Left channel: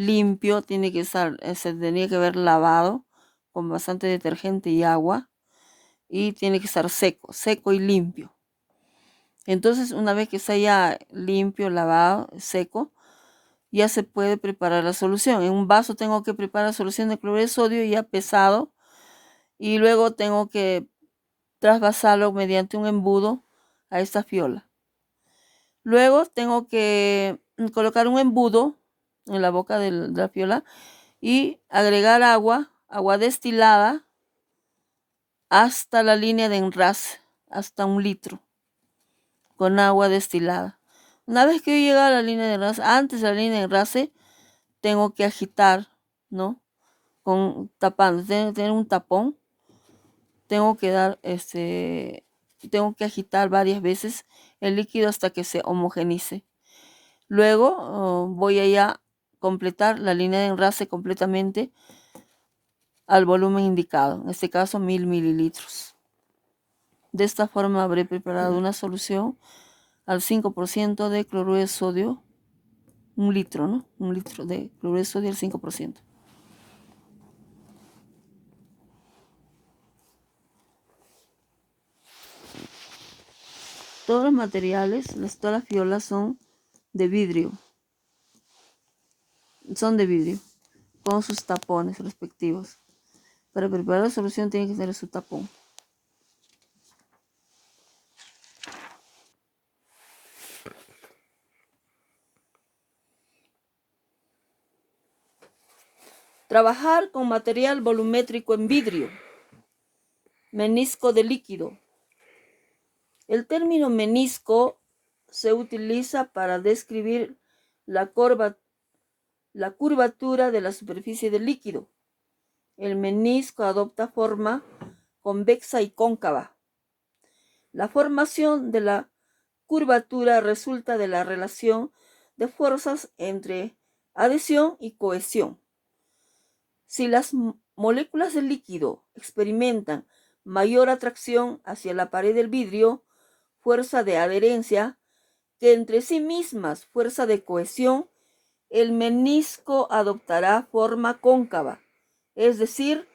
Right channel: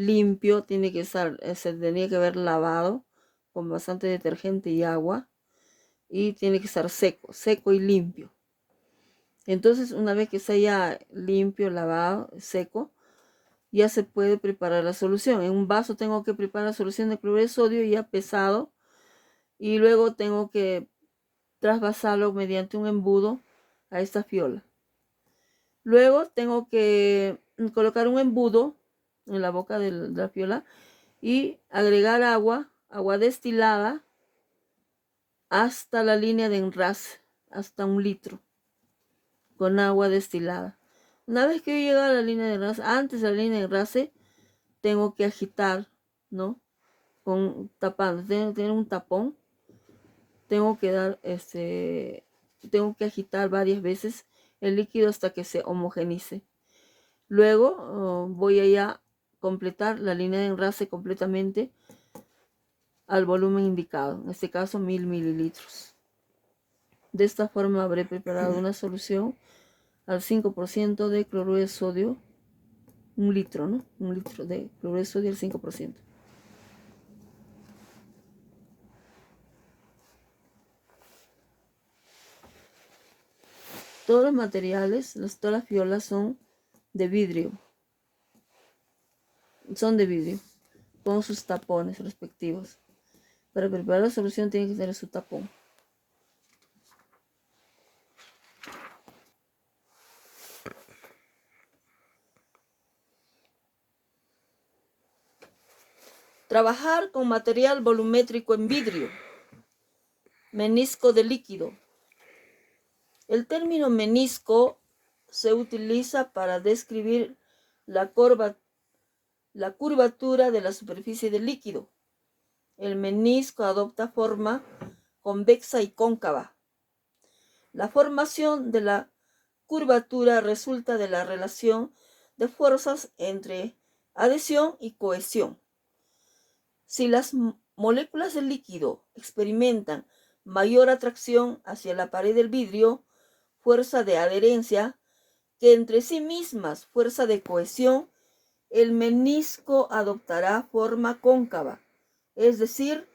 limpio, tiene que estar, se tenía que haber lavado con bastante detergente y agua, y tiene que estar seco, seco y limpio. Entonces, una vez que esté ya limpio, lavado, seco, ya se puede preparar la solución. En un vaso tengo que preparar solución de cloruro de sodio ya pesado, y luego tengo que trasvasarlo mediante un embudo a esta fiola. Luego tengo que colocar un embudo en la boca de la fiola y agregar agua destilada hasta la línea de enrase, hasta 1 litro, con agua destilada. Una vez que yo llego a la línea de enrase, antes de la línea de enrase, tengo que agitar, ¿no? Tapando, tener un tapón. Tengo que tengo que agitar varias veces el líquido hasta que se homogenice. Luego voy a completar la línea de enrase completamente al volumen indicado, en este caso 1000 mililitros. De esta forma habré preparado una solución al 5% de cloruro de sodio, 1 litro, ¿no? 1 litro de cloruro de sodio al 5%. Todos los materiales, todas las fiolas son de vidrio. Son de vidrio, con sus tapones respectivos. Para preparar la solución tiene que tener su tapón. Trabajar con material volumétrico en vidrio. Menisco de líquido. El término menisco se utiliza para describir la curvatura de la superficie del líquido. El menisco adopta forma convexa y cóncava. La formación de la curvatura resulta de la relación de fuerzas entre adhesión y cohesión. Si las moléculas del líquido experimentan mayor atracción hacia la pared del vidrio, fuerza de adherencia, que entre sí mismas fuerza de cohesión, el menisco adoptará forma cóncava, es decir,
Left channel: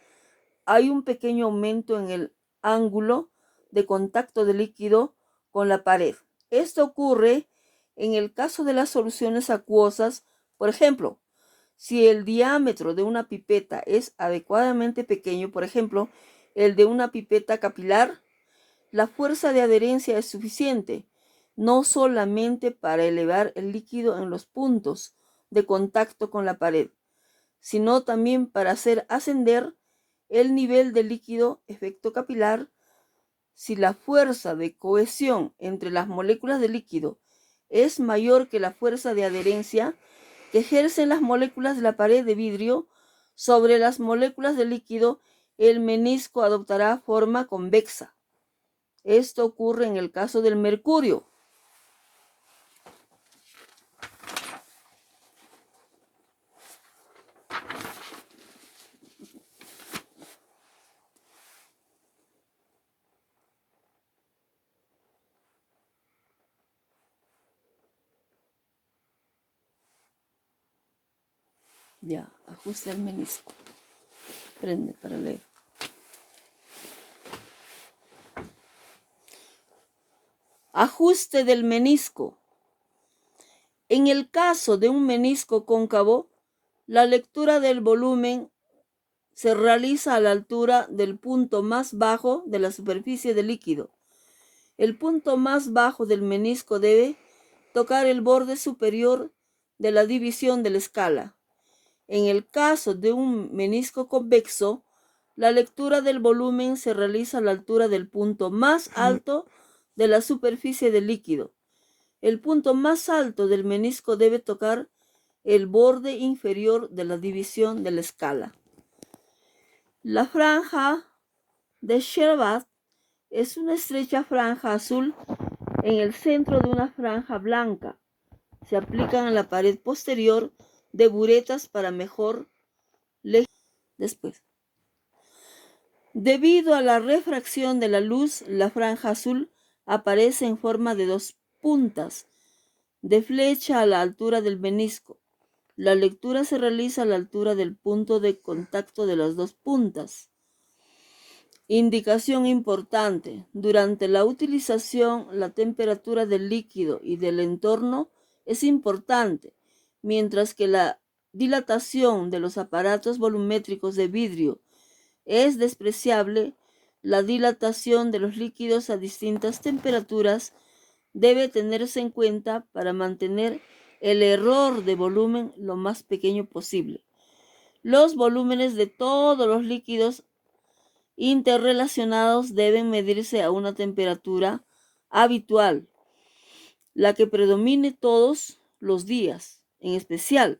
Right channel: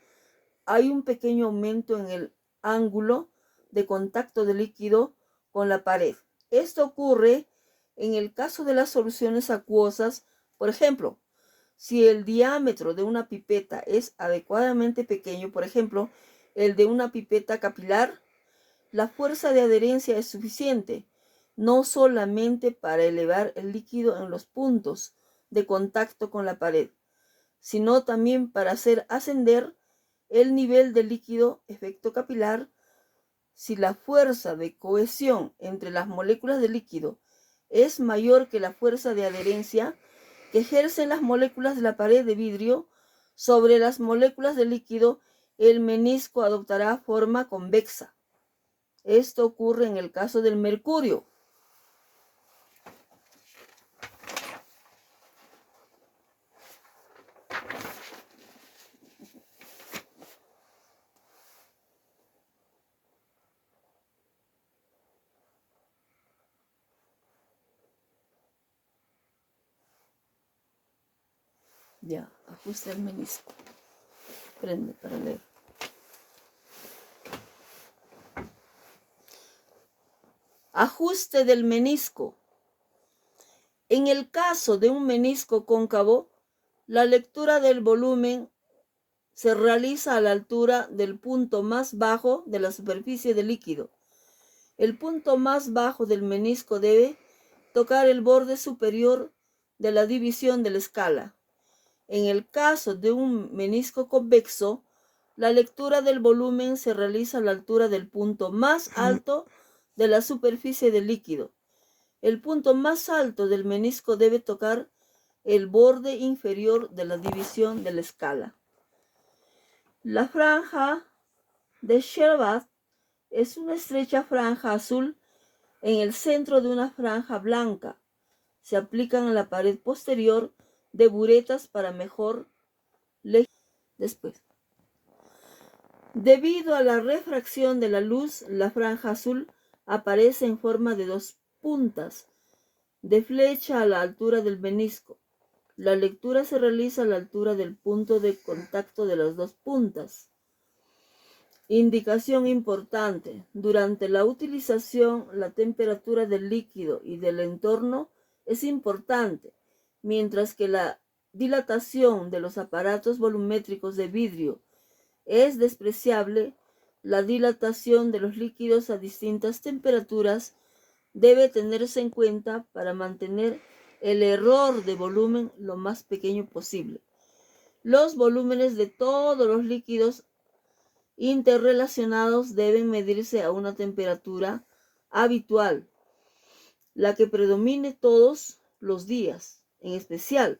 hay un pequeño aumento en el ángulo de contacto del líquido con la pared. Esto ocurre en el caso de las soluciones acuosas. Por ejemplo, si el diámetro de una pipeta es adecuadamente pequeño, por ejemplo, el de una pipeta capilar, la fuerza de adherencia es suficiente, no solamente para elevar el líquido en los puntos de contacto con la pared, sino también para hacer ascender el nivel del líquido, efecto capilar. Si la fuerza de cohesión entre las moléculas de líquido es mayor que la fuerza de adherencia que ejercen las moléculas de la pared de vidrio sobre las moléculas de líquido, el menisco adoptará forma convexa. Esto ocurre en el caso del mercurio. Ya, ajuste el menisco. Prende para leer. Ajuste del menisco. En el caso de un menisco cóncavo, la lectura del volumen se realiza a la altura del punto más bajo de la superficie del líquido. El punto más bajo del menisco debe tocar el borde superior de la división de la escala. En el caso de un menisco convexo, la lectura del volumen se realiza a la altura del punto más alto de la superficie del líquido. El punto más alto del menisco debe tocar el borde inferior de la división de la escala. La franja de Sherbath es una estrecha franja azul en el centro de una franja blanca. Se aplican a la pared posterior de buretas para mejor legibilidad. Después, debido a la refracción de la luz, la franja azul aparece en forma de 2 puntas de flecha a la altura del menisco. La lectura se realiza a la altura del punto de contacto de las dos puntas. Indicación importante. Durante la utilización, la temperatura del líquido y del entorno es importante, mientras que la dilatación de los aparatos volumétricos de vidrio es despreciable. La dilatación de los líquidos a distintas temperaturas debe tenerse en cuenta para mantener el error de volumen lo más pequeño posible. Los volúmenes de todos los líquidos interrelacionados deben medirse a una temperatura habitual, la que predomine todos los días, en especial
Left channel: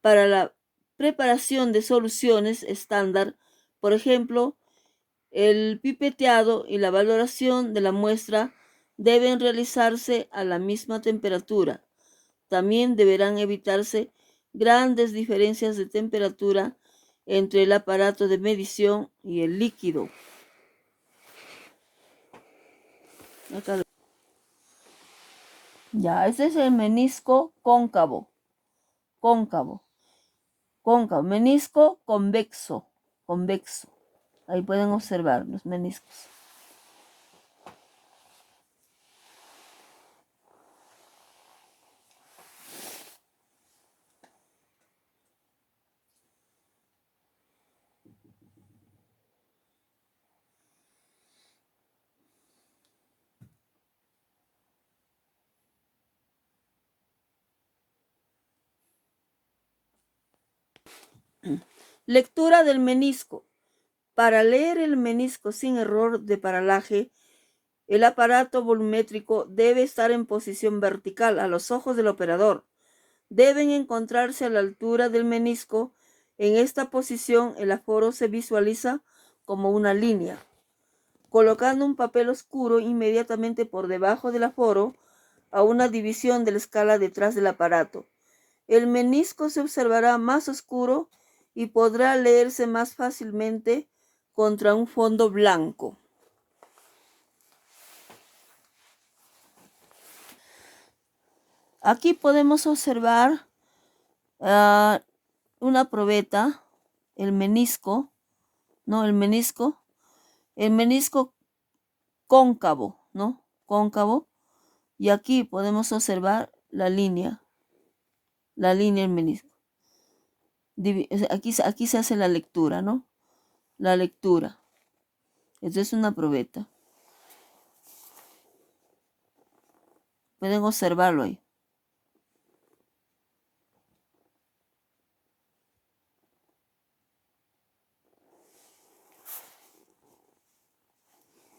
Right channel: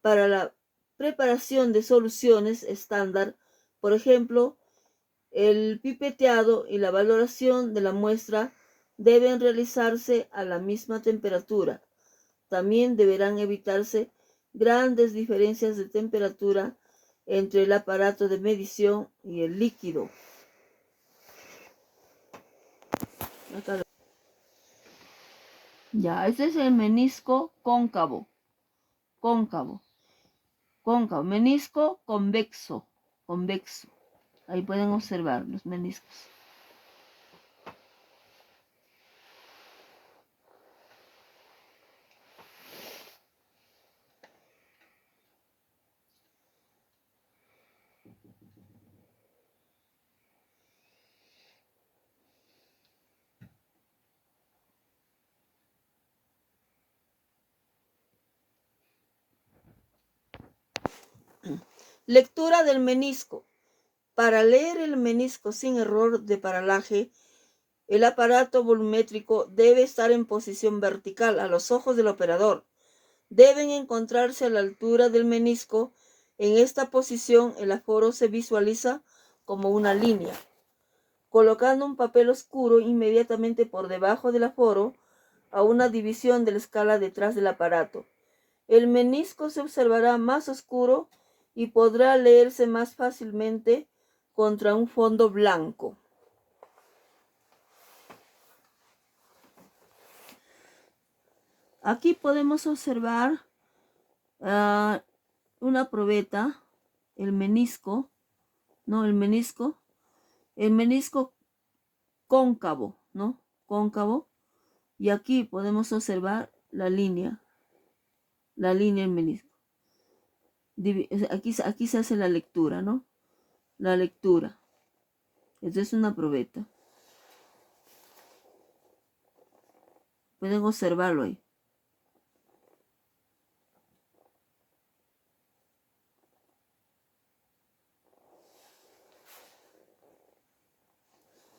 para la preparación de soluciones estándar. Por ejemplo, el pipeteado y la valoración de la muestra deben realizarse a la misma temperatura. También deberán evitarse grandes diferencias de temperatura entre el aparato de medición y el líquido. Acá. Ya, este es el menisco cóncavo. Cóncavo. Menisco convexo. Ahí pueden observar los meniscos. Lectura del menisco. Para leer el menisco sin error de paralaje, el aparato volumétrico debe estar en posición vertical a los ojos del operador. Deben encontrarse a la altura del menisco. En esta posición, el aforo se visualiza como una línea. Colocando un papel oscuro inmediatamente por debajo del aforo, a una división de la escala detrás del aparato, el menisco se observará más oscuro y podrá leerse más fácilmente contra un fondo blanco. Aquí podemos observar una probeta, el menisco, ¿no? El menisco cóncavo, ¿no? Cóncavo. Y aquí podemos observar la línea del menisco. Aquí se hace la lectura, ¿no? La lectura. Esto es una probeta. Pueden observarlo ahí.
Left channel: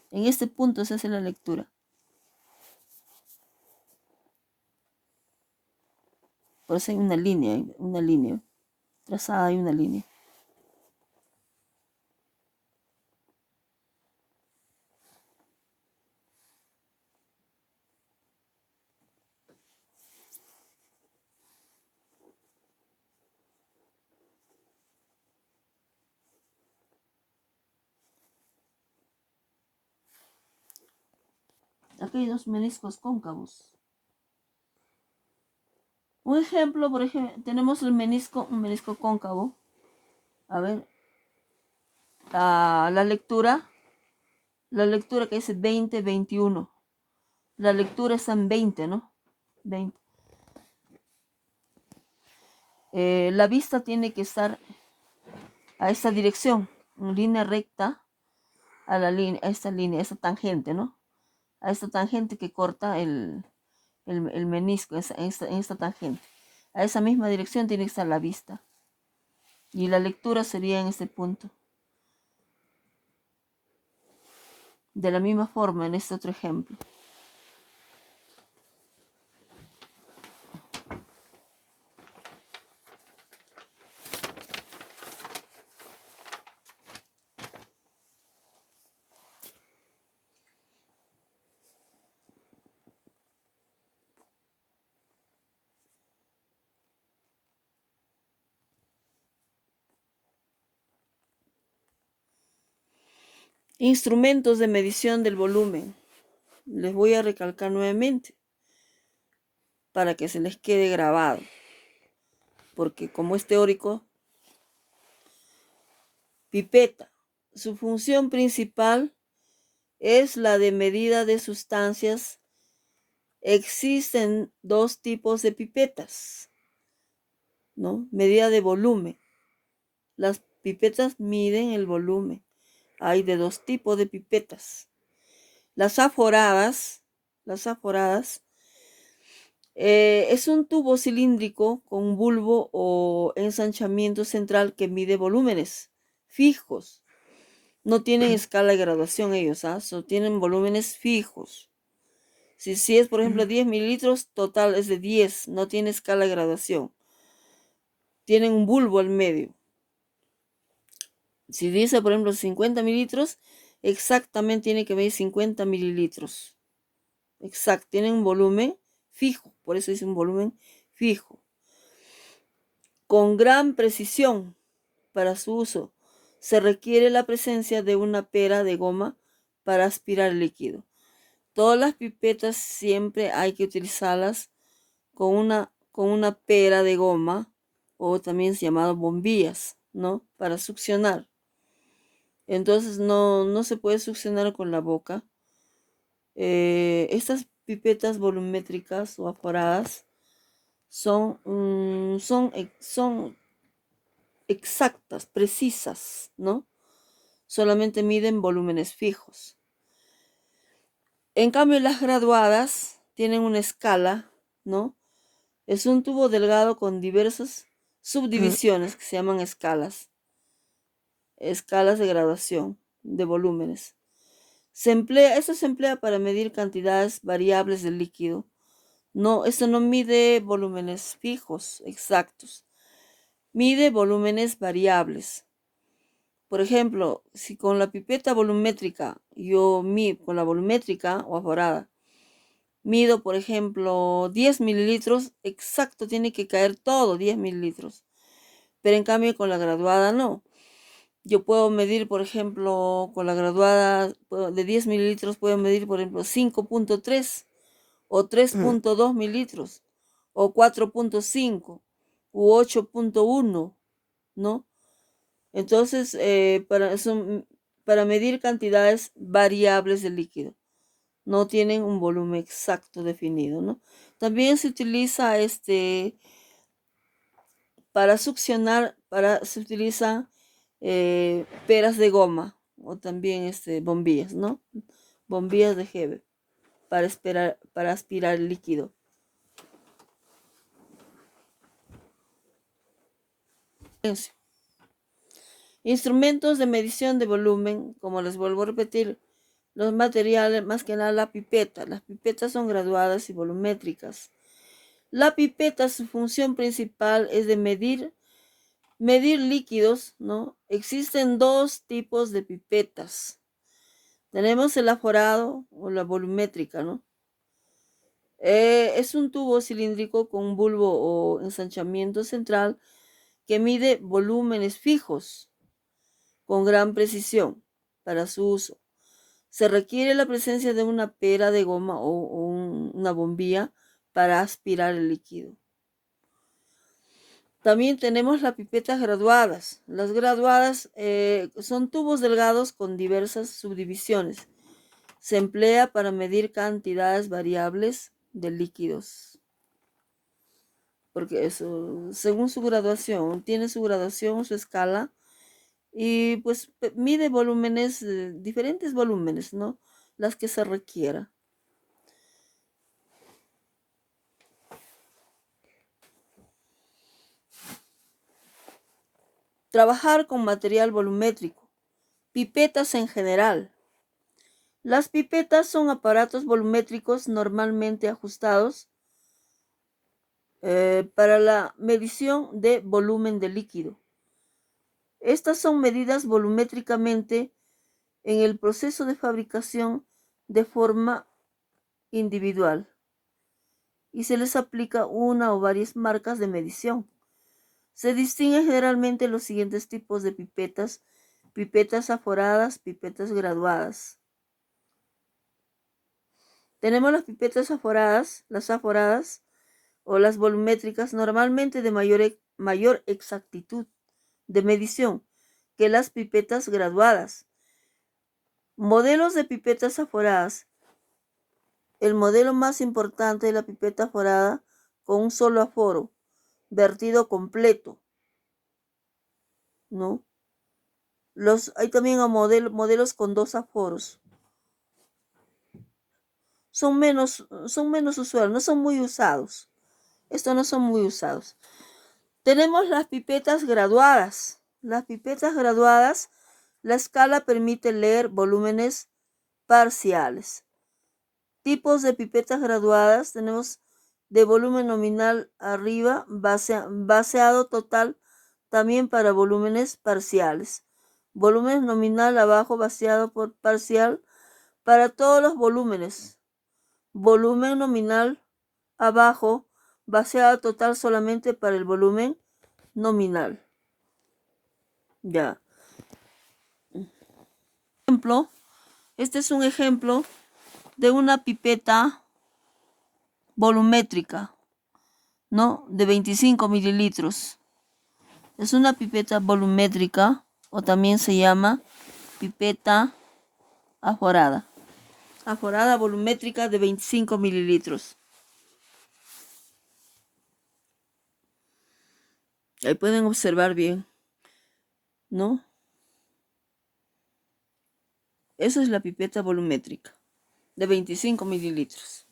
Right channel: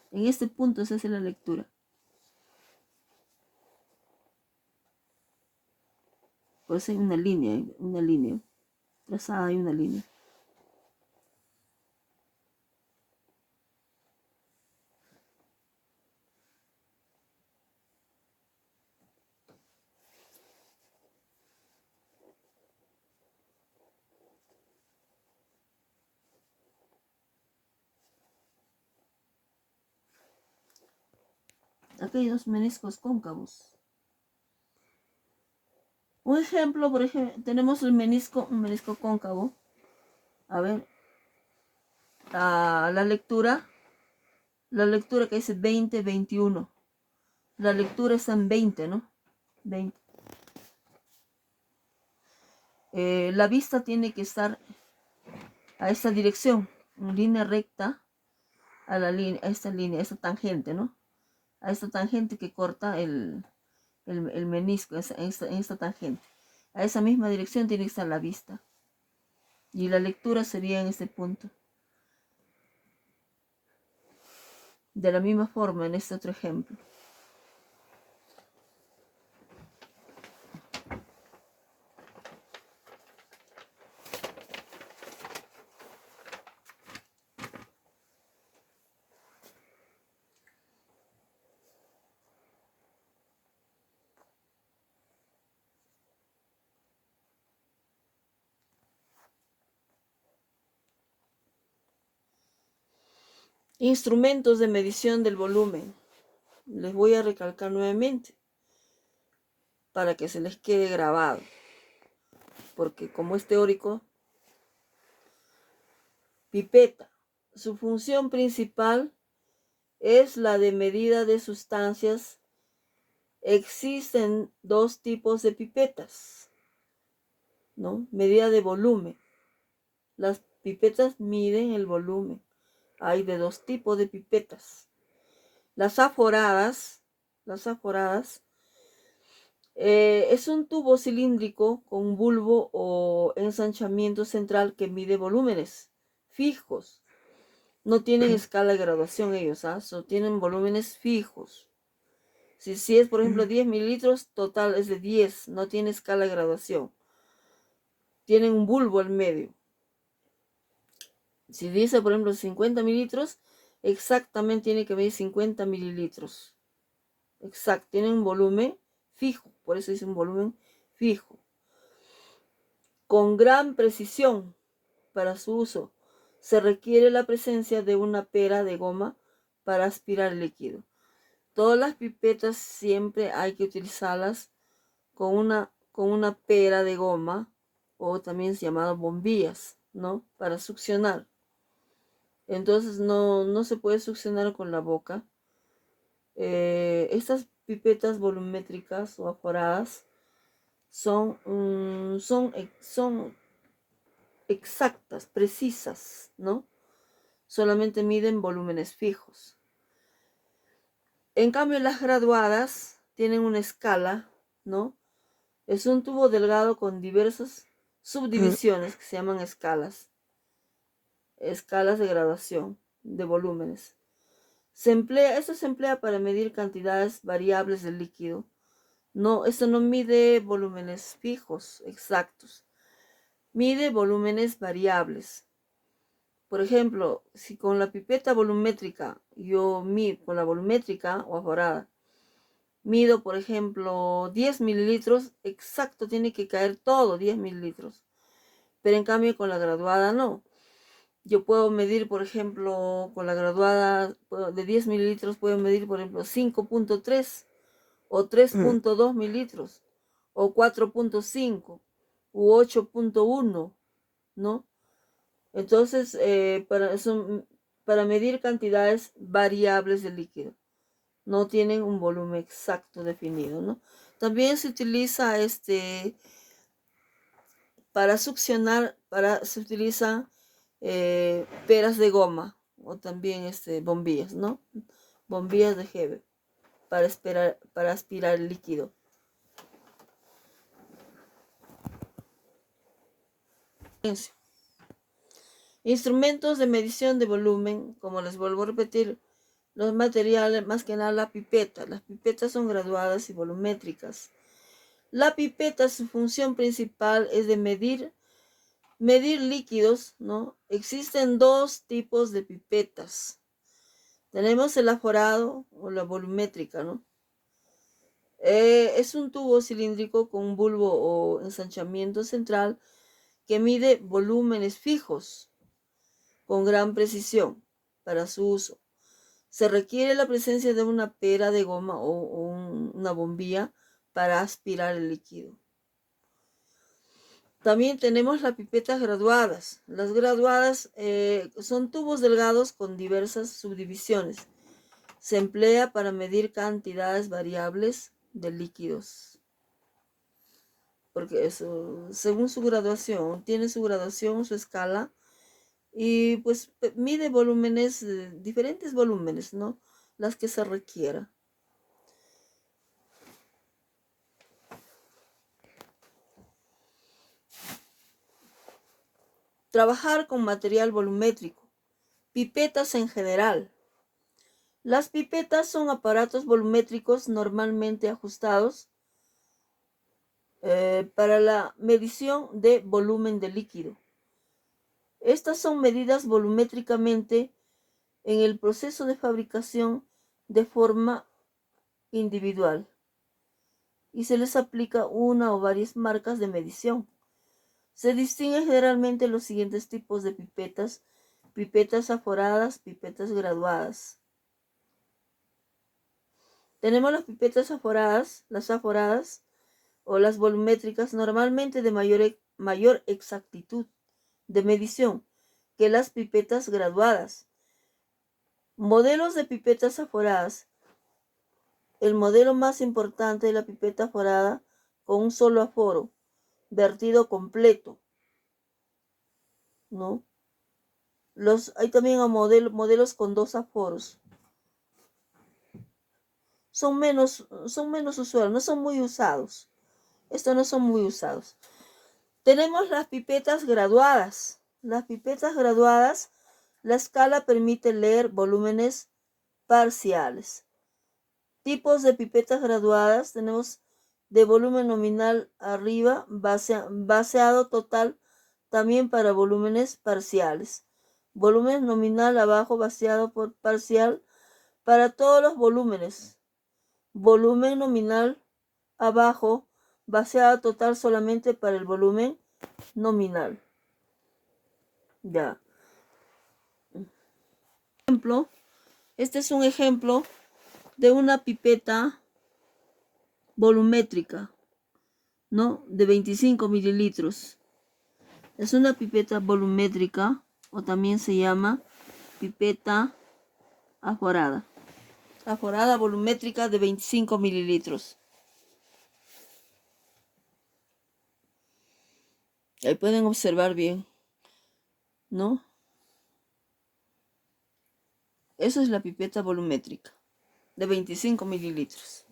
En este punto se hace la lectura. Por eso hay una línea. Trazada hay una línea. Aquí hay dos meniscos cóncavos. Un ejemplo, por ejemplo, tenemos un menisco cóncavo. A ver, la lectura que dice 20, 21. La lectura está en 20, ¿no? 20. La vista tiene que estar a esta dirección, en línea recta a esta tangente, ¿no? A esta tangente que corta el menisco, en esta tangente. A esa misma dirección tiene que estar la vista. Y la lectura sería en este punto. De la misma forma en este otro ejemplo. Instrumentos de medición del volumen. Les voy a recalcar nuevamente para que se les quede grabado. porque como es teórico, pipeta. Su función principal es la de medida de sustancias. Existen dos tipos de pipetas, ¿no? Medida de volumen. Las pipetas miden el volumen. Hay de dos tipos de pipetas. Las aforadas es un tubo cilíndrico con bulbo o ensanchamiento central que mide volúmenes fijos. No tienen escala de graduación ellos, solo tienen volúmenes fijos. Si es, por ejemplo, 10 mililitros, total es de 10, no tiene escala de graduación. Tienen un bulbo al medio. Si dice, por ejemplo, 50 mililitros, exactamente tiene que medir 50 mililitros. Exacto, tienen un volumen fijo, por eso dice un volumen fijo. Con gran precisión para su uso, se requiere la presencia de una pera de goma para aspirar el líquido. Todas las pipetas siempre hay que utilizarlas con una pera de goma, o también llamadas bombillas, ¿no? Para succionar. Entonces no se puede succionar con la boca. Estas pipetas volumétricas o aforadas son exactas, precisas, ¿no? Solamente miden volúmenes fijos. En cambio, las graduadas tienen una escala, ¿no? Es un tubo delgado con diversas subdivisiones que se llaman escalas de graduación de volúmenes. Esto se emplea para medir cantidades variables de líquido. No, esto no mide volúmenes fijos, exactos. Mide volúmenes variables. Por ejemplo, si con la pipeta volumétrica, con la volumétrica o aforada, mido, por ejemplo, 10 mililitros, exacto, tiene que caer todo 10 mililitros. Pero en cambio con la graduada no. Yo puedo medir, por ejemplo, con la graduada de 10 mililitros, puedo medir, por ejemplo, 5.3 o 3.2 mililitros o 4.5 u 8.1, ¿no? Entonces, para medir cantidades variables de líquido, no tienen un volumen exacto definido, ¿no? También se utiliza para succionar, se utiliza peras de goma o también bombillas, ¿no? Bombillas de Heber para aspirar el líquido. Instrumentos de medición de volumen, como les vuelvo a repetir, los materiales, más que nada la pipeta. Las pipetas son graduadas y volumétricas. La pipeta, su función principal es de medir líquidos, ¿no? Existen dos tipos de pipetas. Tenemos el aforado o la volumétrica, ¿no? Es un tubo cilíndrico con un bulbo o ensanchamiento central que mide volúmenes fijos con gran precisión para su uso. Se requiere la presencia de una pera de goma o una bombilla para aspirar el líquido. También tenemos las pipetas graduadas. Las graduadas son tubos delgados con diversas subdivisiones. Se emplea para medir cantidades variables de líquidos. Porque eso, según su graduación, tiene su graduación, su escala, y pues mide volúmenes, diferentes volúmenes, ¿no? Las que se requiera. Trabajar con material volumétrico. Pipetas en general. Las pipetas son aparatos volumétricos normalmente ajustados para la medición de volumen de líquido. Estas son medidas volumétricamente en el proceso de fabricación de forma individual y se les aplica una o varias marcas de medición. Se distinguen generalmente los siguientes tipos de pipetas: pipetas aforadas, pipetas graduadas. Tenemos las pipetas aforadas, o las volumétricas, normalmente de mayor mayor exactitud de medición que las pipetas graduadas. Modelos de pipetas aforadas. El modelo más importante es la pipeta aforada con un solo aforo, vertido completo, ¿no? Hay también modelos con 2 aforos. Son menos usuales, no son muy usados. Estos no son muy usados. Tenemos las pipetas graduadas. Las pipetas graduadas, la escala permite leer volúmenes parciales. Tipos de pipetas graduadas tenemos de volumen nominal arriba, vaciado total también para volúmenes parciales. Volumen nominal abajo, vaciado por parcial para todos los volúmenes. Volumen nominal abajo, vaciado total solamente para el volumen nominal. Ya. Este es un ejemplo de una pipeta volumétrica, ¿no? De 25 mililitros. Es una pipeta volumétrica o también se llama pipeta aforada. Aforada volumétrica de 25 mililitros. Ahí pueden observar bien, ¿no? Esa es la pipeta volumétrica de 25 mililitros.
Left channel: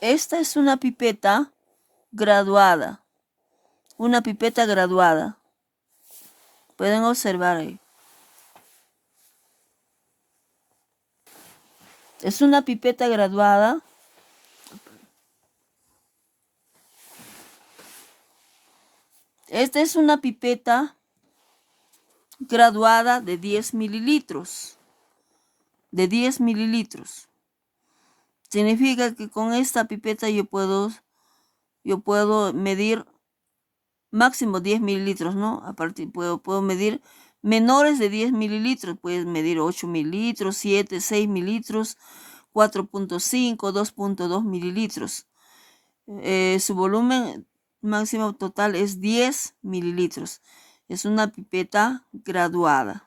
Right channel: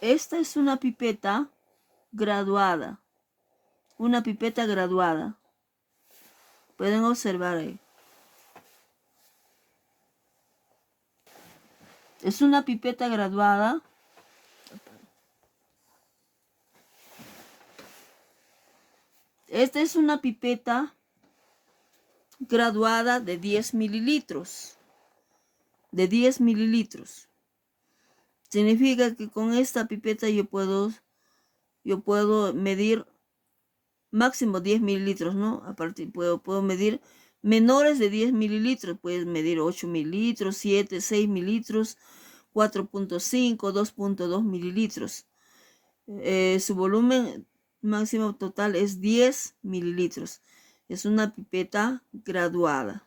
Esta es una pipeta graduada. Una pipeta graduada. Pueden observar ahí. Es una pipeta graduada. Esta es una pipeta graduada de 10 mililitros. De 10 mililitros. Significa que con esta pipeta yo puedo medir máximo 10 mililitros, ¿no? Aparte puedo medir menores de 10 mililitros. Puedes medir 8 mililitros, 7, 6 mililitros, 4.5, 2.2 mililitros. Su volumen máximo total es 10 mililitros. Es una pipeta graduada,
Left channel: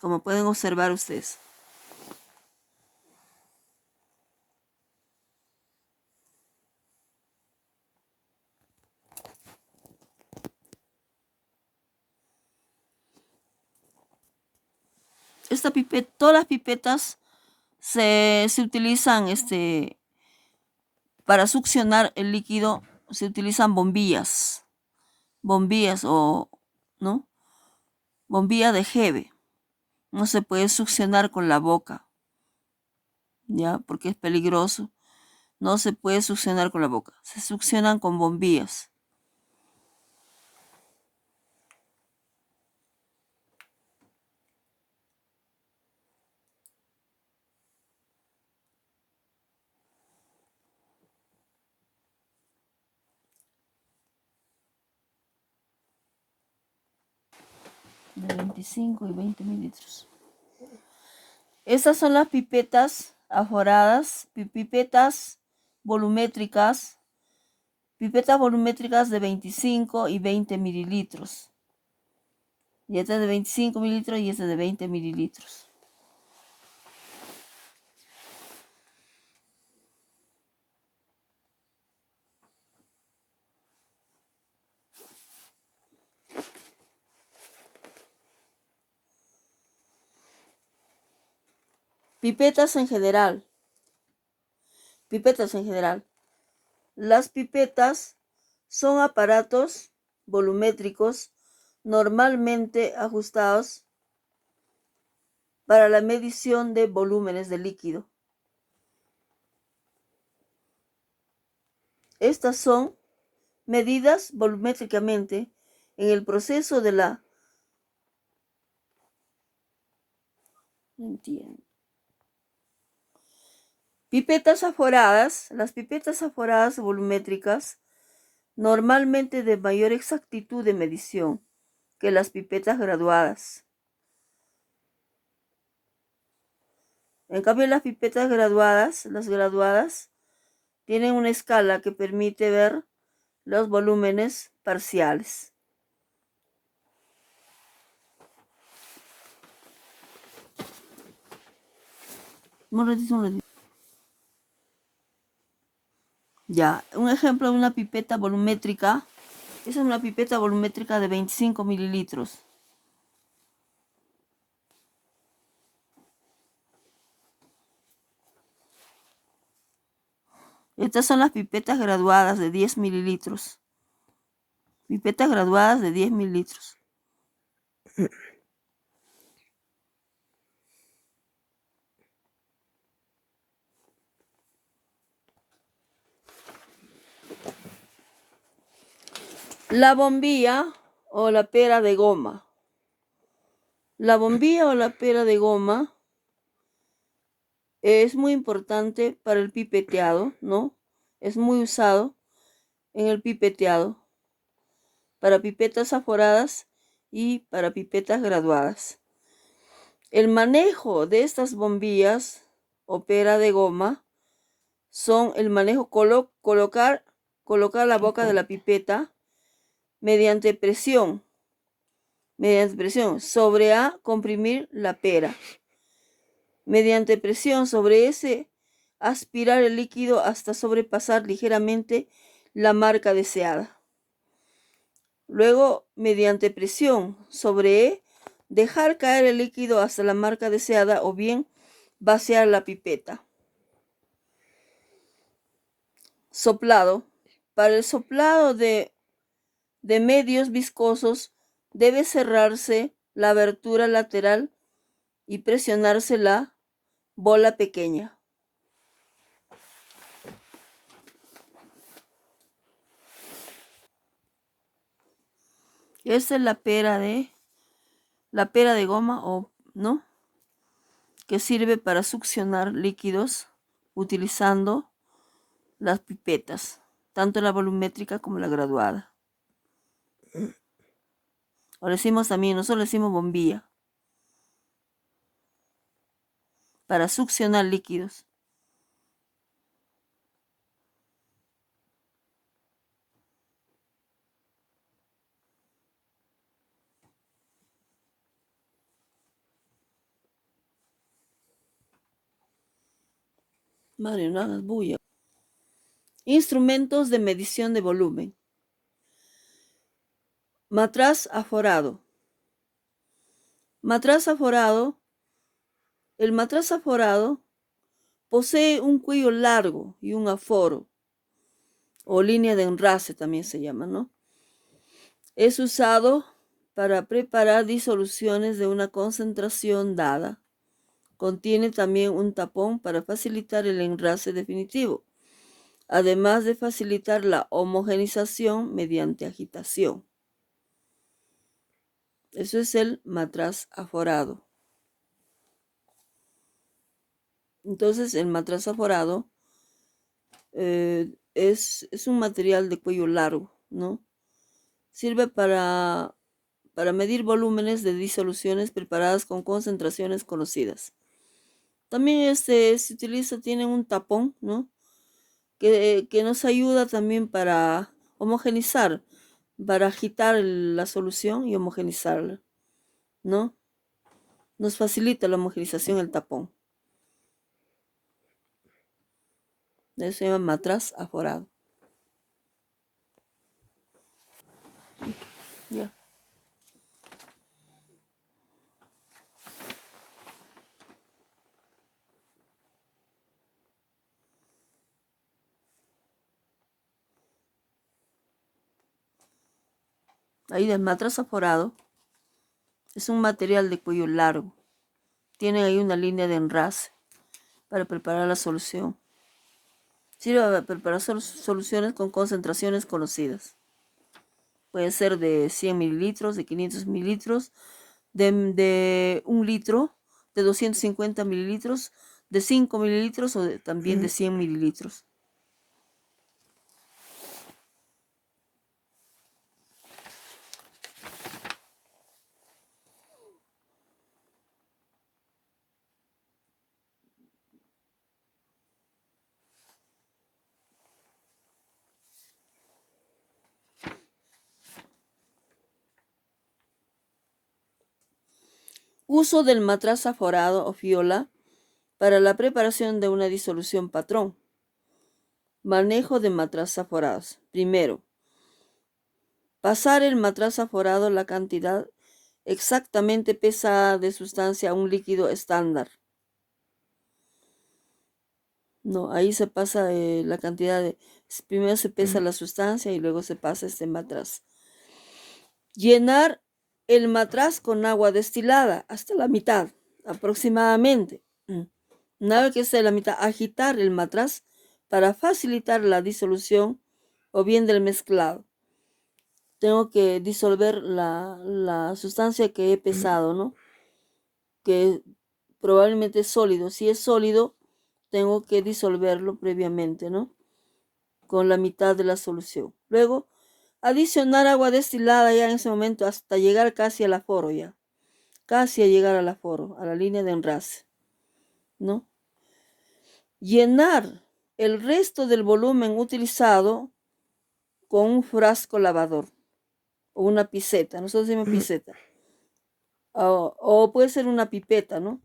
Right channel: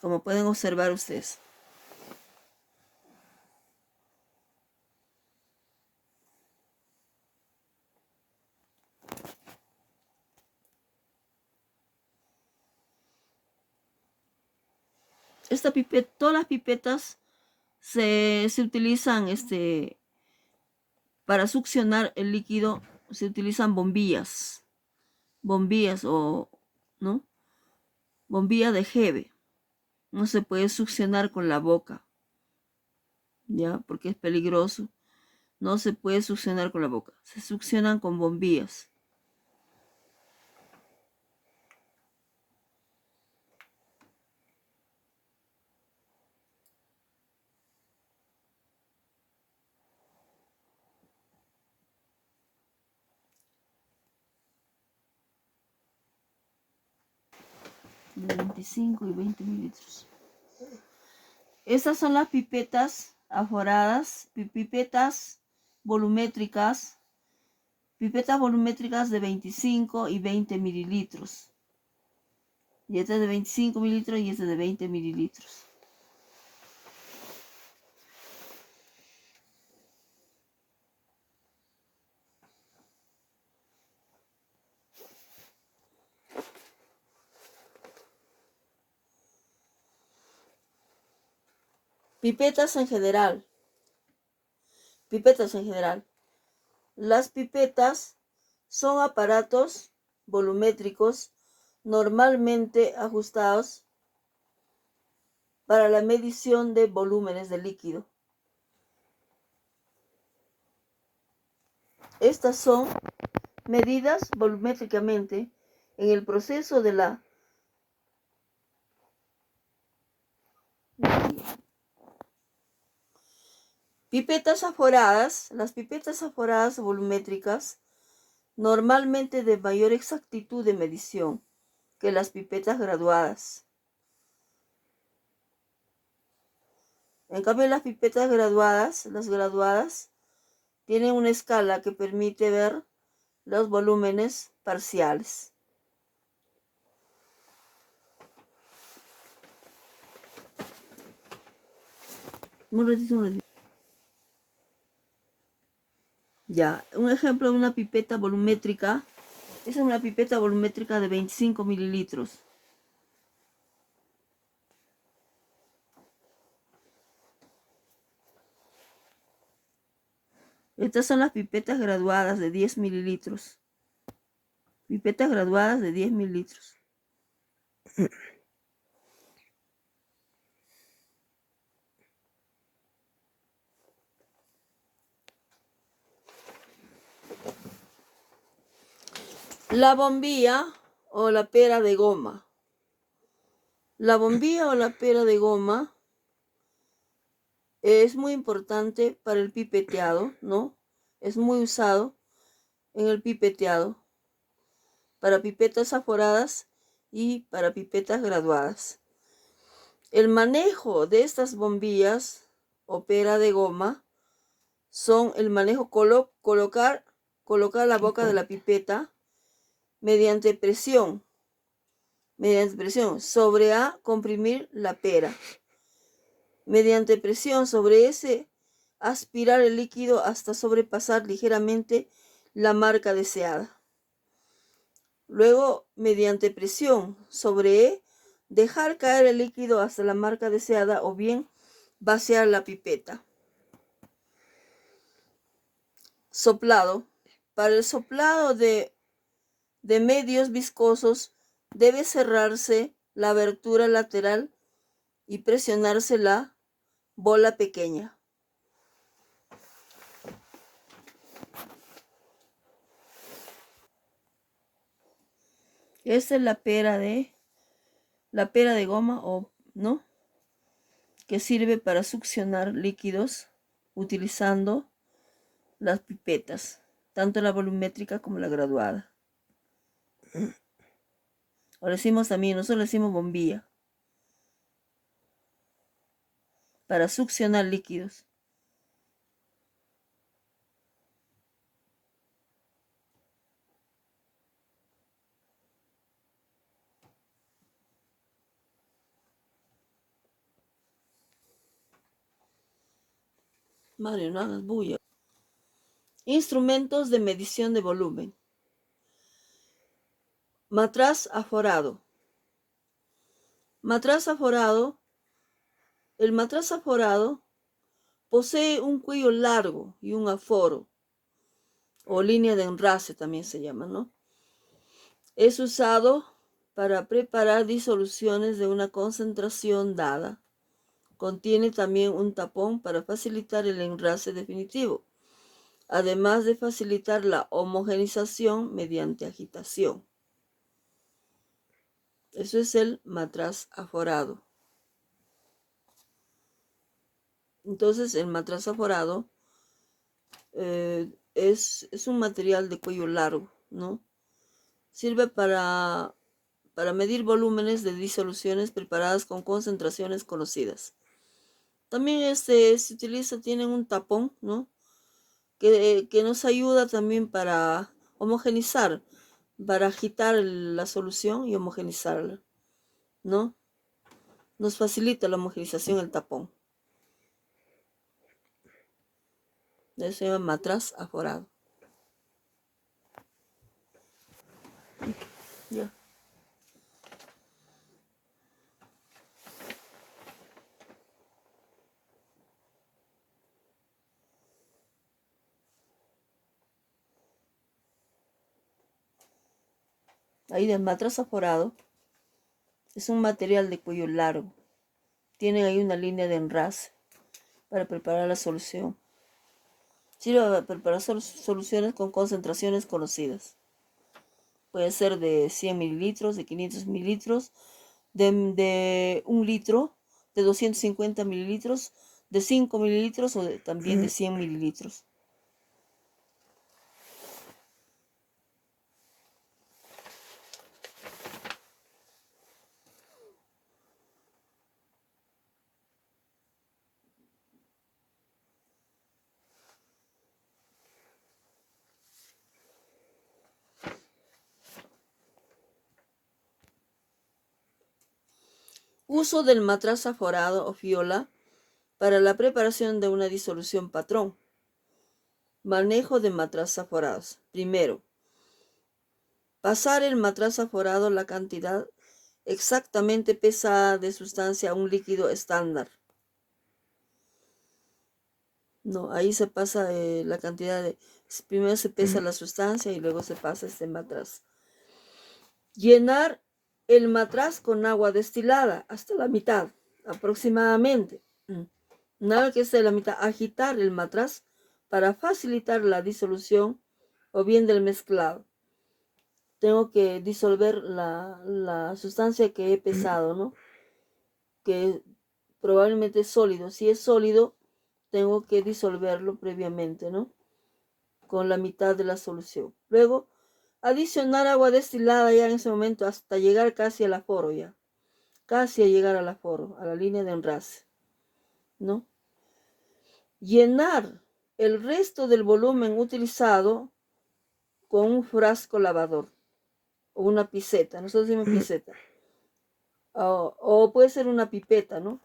como pueden observar ustedes. Todas las pipetas se utilizan para succionar el líquido, se utilizan bombillas o, ¿no? Bombilla de Hebe. No se puede succionar con la boca, ¿ya? Porque es peligroso. No se puede succionar con la boca. Se succionan con bombillas. De 25 y 20 mililitros. Estas son las pipetas aforadas, pipetas volumétricas de 25 y 20 mililitros. Y esta es de 25 mililitros y esta es de 20 mililitros. Pipetas en general. Las pipetas son aparatos volumétricos normalmente ajustados para la medición de volúmenes de líquido. Estas son medidas volumétricamente en el proceso de la Pipetas aforadas. Las pipetas aforadas volumétricas normalmente de mayor exactitud de medición que las pipetas graduadas. En cambio, las pipetas graduadas, las graduadas, tienen una escala que permite ver los volúmenes parciales. Un ratito. Ya, un ejemplo de una pipeta volumétrica. Es una pipeta volumétrica de 25 mililitros. Estas son las pipetas graduadas de 10 mililitros. Pipetas graduadas de 10 mililitros. La bombilla o la pera de goma. La bombilla o la pera de goma es muy importante para el pipeteado, ¿no? Es muy usado en el pipeteado para pipetas aforadas y para pipetas graduadas. El manejo de estas bombillas o pera de goma son el manejo colocar la boca de la pipeta mediante presión sobre A, comprimir la pera. Mediante presión sobre S, aspirar el líquido hasta sobrepasar ligeramente la marca deseada. Luego, mediante presión sobre E, dejar caer el líquido hasta la marca deseada o bien vaciar la pipeta. Soplado. Para el soplado de medios viscosos debe cerrarse la abertura lateral y presionarse la bola pequeña. Esta es la pera de goma, ¿no? Que sirve para succionar líquidos utilizando las pipetas, tanto la volumétrica como la graduada. O le decimos también, nosotros le decimos bombilla, para succionar líquidos. Madre, no hagas bulla. Instrumentos de medición de volumen. Matraz aforado. Matraz aforado. El matraz aforado posee un cuello largo y un aforo, o línea de enrase también se llama, ¿no? Es usado para preparar disoluciones de una concentración dada. Contiene también un tapón para facilitar el enrase definitivo, además de facilitar la homogenización mediante agitación. Eso es el matraz aforado. Entonces, el matraz aforado es un material de cuello largo, ¿no? Sirve para medir volúmenes de disoluciones preparadas con concentraciones conocidas. También se utiliza, tiene un tapón, ¿no? Que nos ayuda también para homogenizar, para agitar la solución y homogenizarla, ¿no? Nos facilita la homogenización el tapón. Eso se llama matraz aforado. Ya. Ahí el matraz aforado es un material de cuello largo. Tiene ahí una línea de enrase para preparar la solución. Sirve para preparar soluciones con concentraciones conocidas. Puede ser de 100 mililitros, de 500 mililitros, de 1 litro, de 250 mililitros, de 5 mililitros o también de 100 mililitros. Uso del matraz aforado o fiola para la preparación de una disolución patrón. Manejo de matraz aforados. Primero, pasar el matraz aforado la cantidad exactamente pesada de sustancia a un líquido estándar. No, ahí se pasa la cantidad de... Primero se pesa la sustancia y luego se pasa este matraz. Llenar el matraz con agua destilada hasta la mitad, aproximadamente. Una vez que esté la mitad, agitar el matraz para facilitar la disolución o bien del mezclado. Tengo que disolver la sustancia que he pesado, ¿no? Que probablemente es sólido. Si es sólido, tengo que disolverlo previamente, ¿no? Con la mitad de la solución. Luego, adicionar agua destilada ya en ese momento hasta llegar casi al aforo ya. Casi a llegar al aforo, a la línea de enrase, ¿no? Llenar el resto del volumen utilizado con un frasco lavador o una piseta. Nosotros decimos piseta. O puede ser una pipeta, ¿no?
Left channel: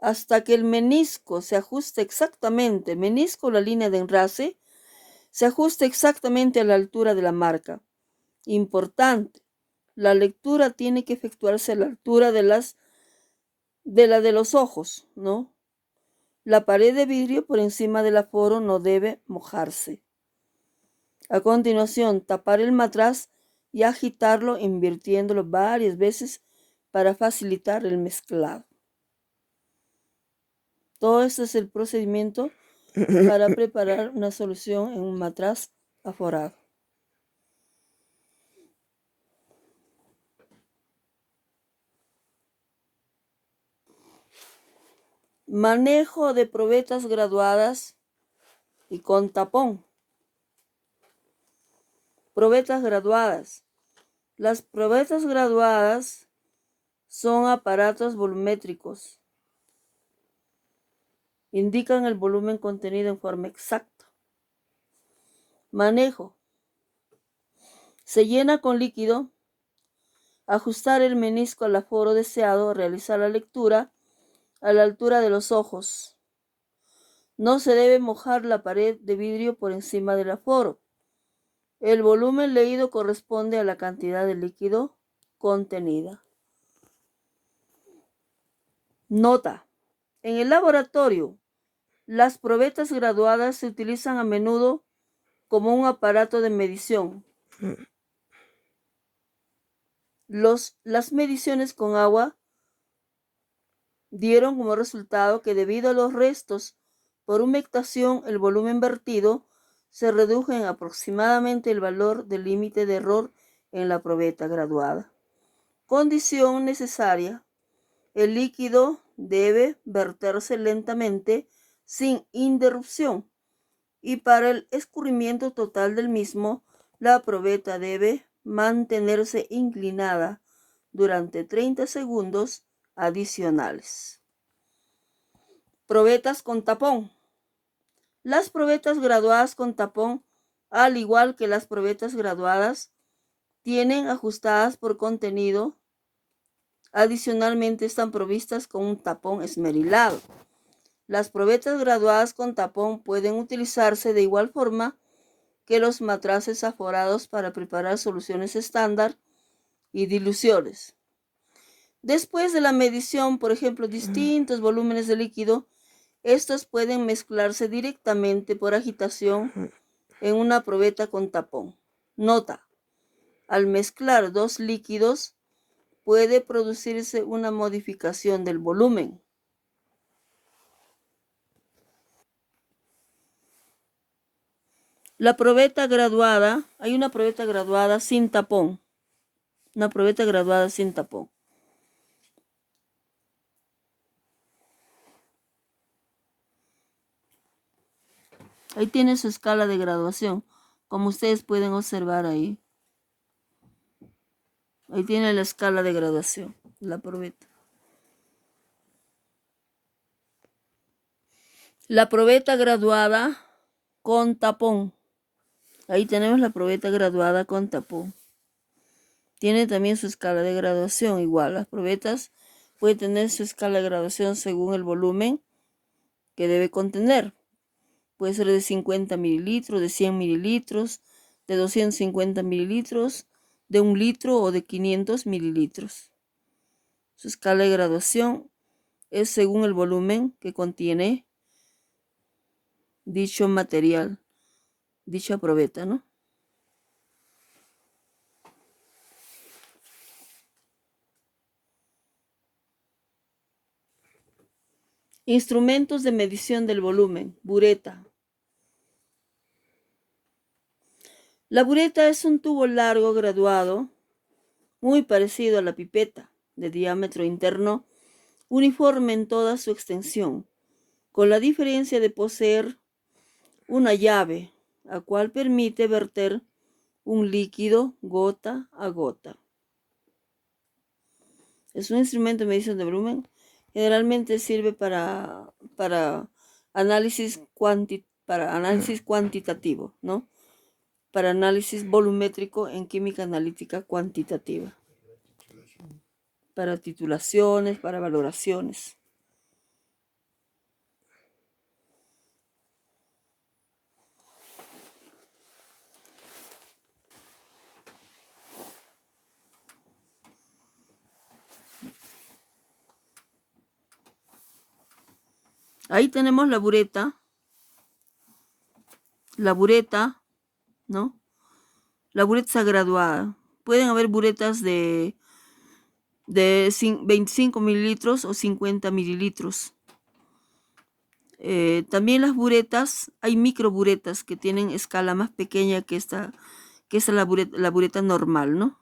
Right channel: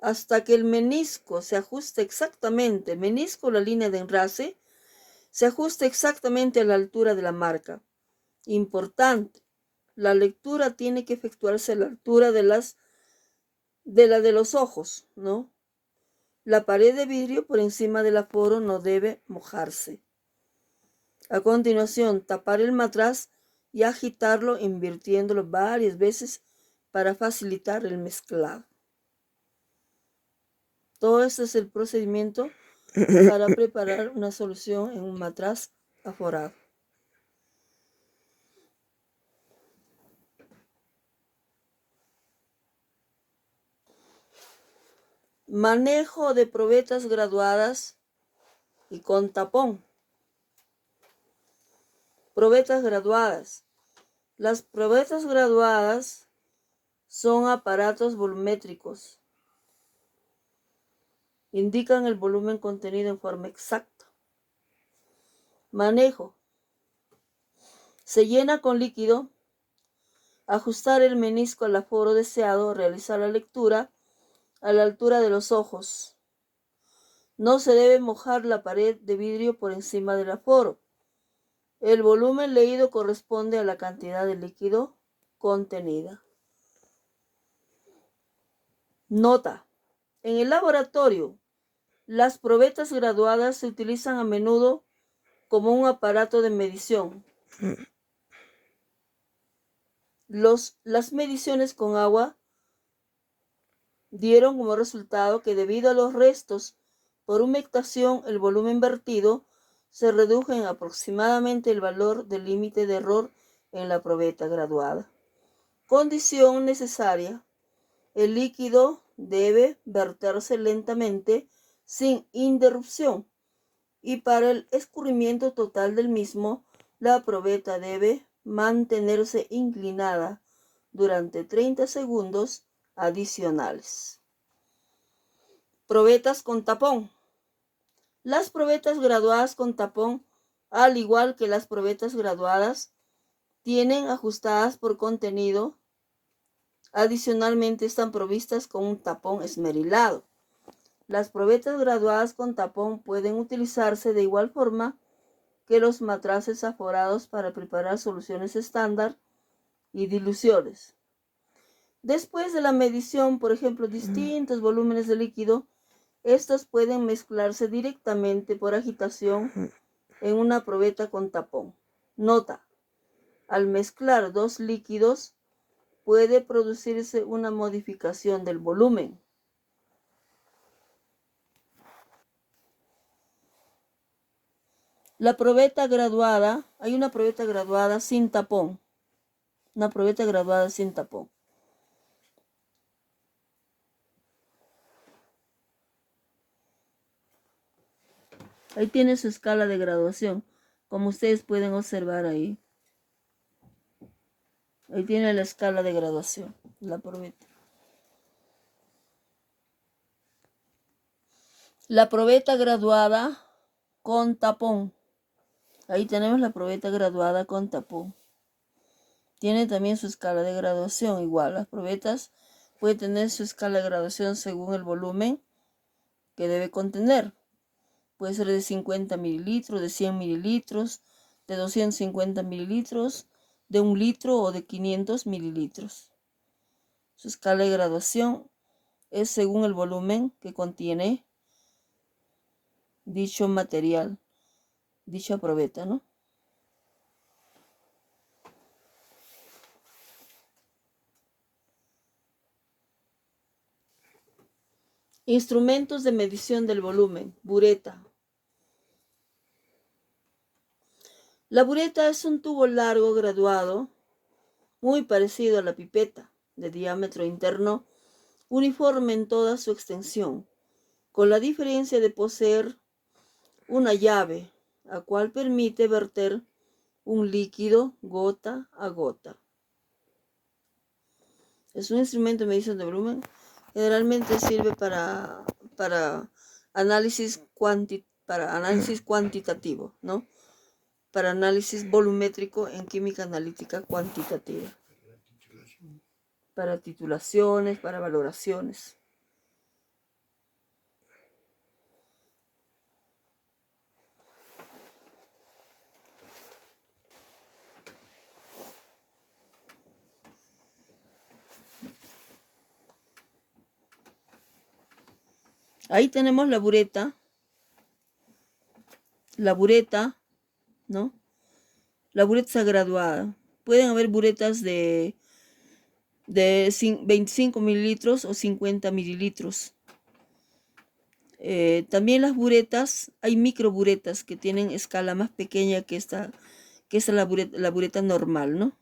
Hasta que el menisco se ajuste exactamente, menisco, la línea de enrase, se ajuste exactamente a la altura de la marca. Importante, la lectura tiene que efectuarse a la altura de la de los ojos, ¿no? La pared de vidrio por encima del aforo no debe mojarse. A continuación, tapar el matraz y agitarlo invirtiéndolo varias veces para facilitar el mezclado. Todo esto es el procedimiento para preparar una solución en un matraz aforado. Manejo de probetas graduadas y con tapón. Probetas graduadas. Las probetas graduadas son aparatos volumétricos. Indican el volumen contenido en forma exacta. Manejo. Se llena con líquido. Ajustar el menisco al aforo deseado. Realizar la lectura a la altura de los ojos. No se debe mojar la pared de vidrio por encima del aforo. El volumen leído corresponde a la cantidad de líquido contenida. Nota. En el laboratorio, las probetas graduadas se utilizan a menudo como un aparato de medición. Las mediciones con agua dieron como resultado que debido a los restos por humectación, el volumen vertido se redujo en aproximadamente el valor del límite de error en la probeta graduada. Condición necesaria. El líquido debe verterse lentamente sin interrupción y para el escurrimiento total del mismo, la probeta debe mantenerse inclinada durante 30 segundos adicionales. Probetas con tapón. Las probetas graduadas con tapón, al igual que las probetas graduadas, tienen ajustadas por contenido. Adicionalmente están provistas con un tapón esmerilado. Las probetas graduadas con tapón pueden utilizarse de igual forma que los matraces aforados para preparar soluciones estándar y diluciones. Después de la medición, por ejemplo, distintos volúmenes de líquido, estos pueden mezclarse directamente por agitación en una probeta con tapón. Nota: al mezclar dos líquidos, puede producirse una modificación del volumen. La probeta graduada, hay una probeta graduada sin tapón. Una probeta graduada sin tapón. Ahí tiene su escala de graduación, como ustedes pueden observar ahí. Ahí tiene la escala de graduación, la probeta. La probeta graduada con tapón. Ahí tenemos la probeta graduada con tapón. Tiene también su escala de graduación, igual. Las probetas pueden tener su escala de graduación según el volumen que debe contener. Puede ser de 50 mililitros, de 100 mililitros, de 250 mililitros, de 1 litro o de 500 mililitros. Su escala de graduación es según el volumen que contiene dicho material, dicha probeta, ¿no? Instrumentos de medición del volumen, bureta. La bureta es un tubo largo graduado, muy parecido a la pipeta, de diámetro interno, uniforme en toda su extensión, con la diferencia de poseer una llave, la cual permite verter un líquido gota a gota. Es un instrumento de medición de volumen. Generalmente sirve para análisis cuantitativo, ¿no? Para análisis volumétrico en química analítica cuantitativa. Para titulaciones, para valoraciones. Ahí tenemos la bureta, ¿no? La bureta está graduada. Pueden haber buretas de 25 mililitros o 50 mililitros. También las buretas, hay microburetas que tienen escala más pequeña que esta la bureta normal, ¿no?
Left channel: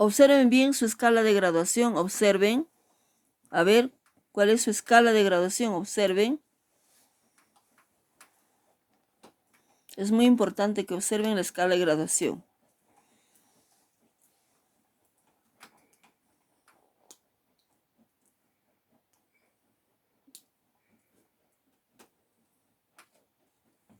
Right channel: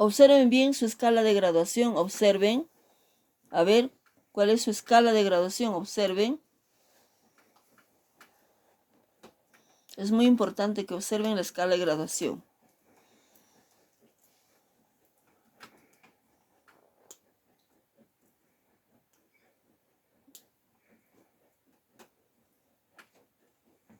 Observen bien su escala de graduación, observen, a ver, ¿cuál es su escala de graduación? Observen. Es muy importante que observen la escala de graduación.